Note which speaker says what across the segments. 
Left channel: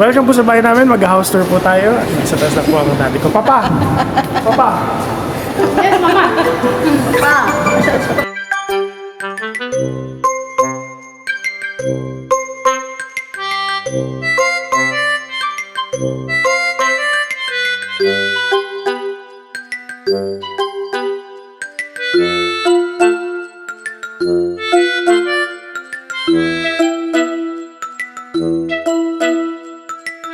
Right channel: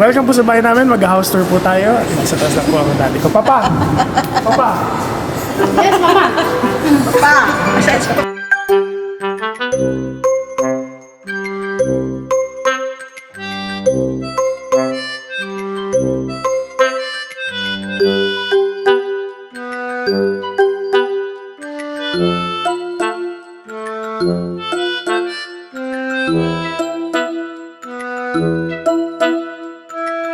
Speaker 1: Welcome po sa bahay namin. Mag-house tour po tayo. At nasa taas na po ako daddy ko. Papa! Papa!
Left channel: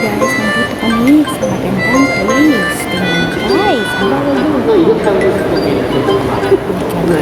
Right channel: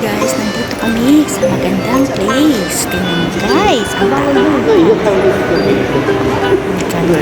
Speaker 2: guys, nandito kami sa magandang place. Tingnan guys. Ang ganda.